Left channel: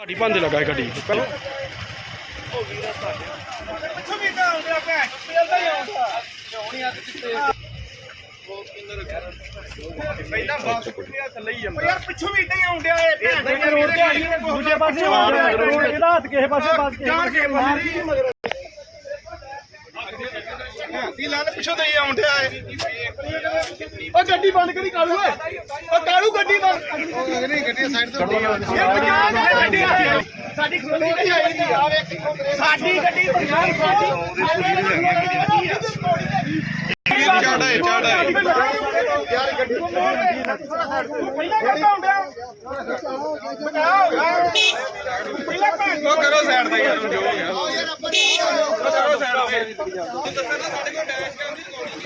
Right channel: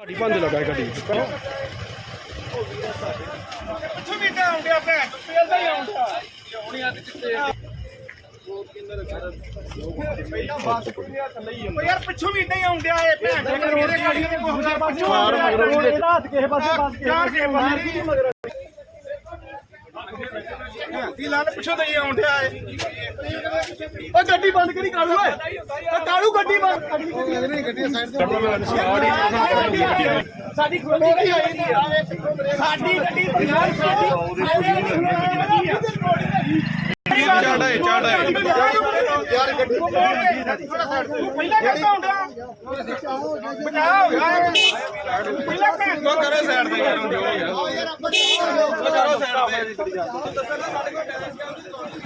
ਸਾਡੀ ਬੰਦੇ ਲਗਾ ਗੱਡੀ ਪਹਿਲਾਂ ਪਿੱਛੋਂ ਵੀ ਤਾਂ ਆਉਂਦੇ ਆ ਭੈਣ ਤੇਲ ਦਾ ਹੀ ਆਉਂਦਾ ਪਹਿਲਾਂ ਬਾਸ ਕੁੱਟਿਆ ਥੱਲੇ ਹੀ ਜਾਂਦਾ। ਯਾਰ ਪਿੱਛੋਂ ਵੀ ਇਦਾਂ ਹੀ ਆਉਂਦੇ ਆ ਇਹ ਭੈਣ ਦੇ ਦੂਜੇ ਪਾਸੇ ਆਉਂਦੇ ਆ ਇਹਦਾ ਹੱਥ ਕਿਸੇ ਪਾਸੇ ਪਾਸ ਜਾਣ ਕੇ ਮਾਰੀ ਮਗਰ ਦੀ ਲਾਲ ਪਿੱਛੋਂ ਤੇ ਹੀ ਆਉਂਦੇ ਆ ਇਹ। ਉਹ ਗੱਡੀ ਬੰਦ ਕਰੀ ਕਾਲੂ, ਓਏ। ਉਹ ਕਾਲੂ ਗੱਡੀ ਬੰਦ। ਸਾਡੀ ਖੋਲੀ ਨਹੀਂ ਆਈ ਸਾਡੀ ਗੱਡੀ ਪੰਜਾਬ ਸਾਡੀ ਯਾਰ ਗੱਡੀ ਪਹਿਲਾਂ ਕਰਦਾ ਹੁੰਦਾ ਬਚਾ ਹੋ ਪਹਿਲਾਂ ਭੈਣ ਕੋ ਕਰੋ ਸਾਈਡ ਤੇ ਯਾਰ ਕਰੋ ਸਾਈਡ ਤੇ ਦੇਖ ਸਕਦੇ